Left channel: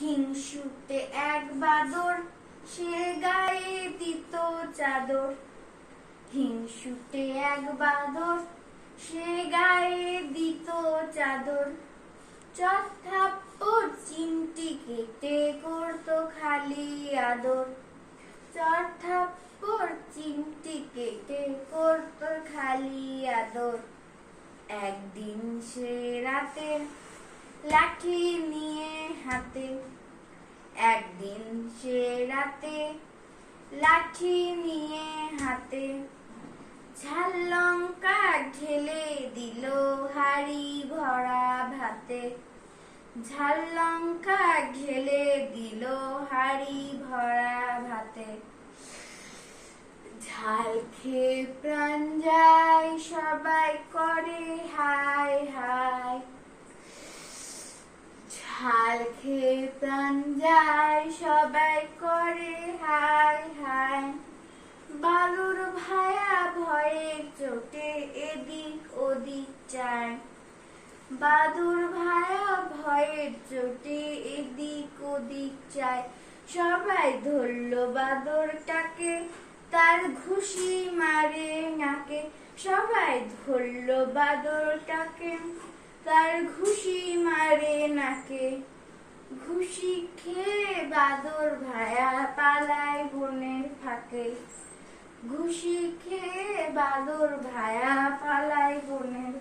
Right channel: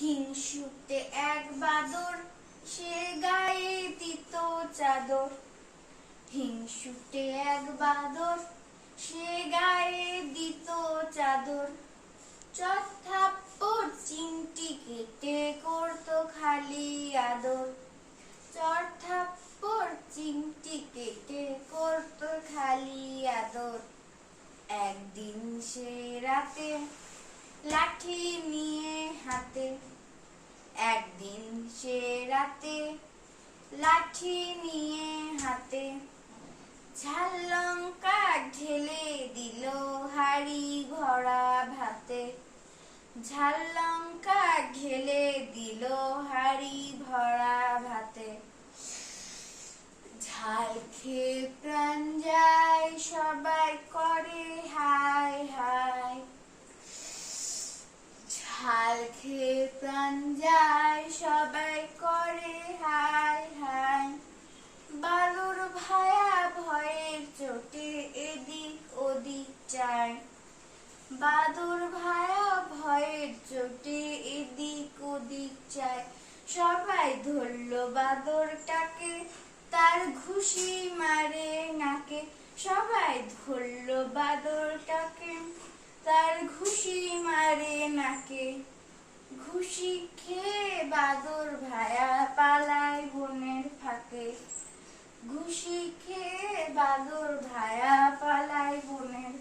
হিংসুটে এক বাদর সে গায়ে দিত চাদর। হিংসুটে এক বাদর সে গায়ে দিত চাদর। চট থাপ্পড় চিমটি কেটে করতো খালি আদর। চট থাপ্পড় চিমটি কেটে করতো খালি আদর। একদিন সে রাতে লাঠি নিয়ে হাতে, একদিন সে রাতে লাঠি নিয়ে হাতে, ঝাল লঙ্কা ঢেলে দিল হাড়ি ভরা ভাতে। ঝাল লঙ্কা ঢেলে দিল হাড়ি ভরা ভাতে। ঝাল খেয়ে প্রাণ যায় সবাই করে হায় হায়। ঝাল খেয়ে প্রাণ যায় সবাই করে হায় হায়। বাদুর ভায়া ভয়ের চোটে এদিক ওদিক চায়। বাদুর ভায়া ভয়ের চোটে এদিক ওদিক চায়। সবাই ধরলো বাদরটাকে, তার ঘুষি মারে নাকে। সবাই ধরলো বাদরটাকে, তার ঘুষি মারে নাকে। ঘুষি খেয়ে বাদর ভায়া পালায় বনের ফাঁকে। ঘুষি খেয়ে বাদর ভায়া পালায় বনের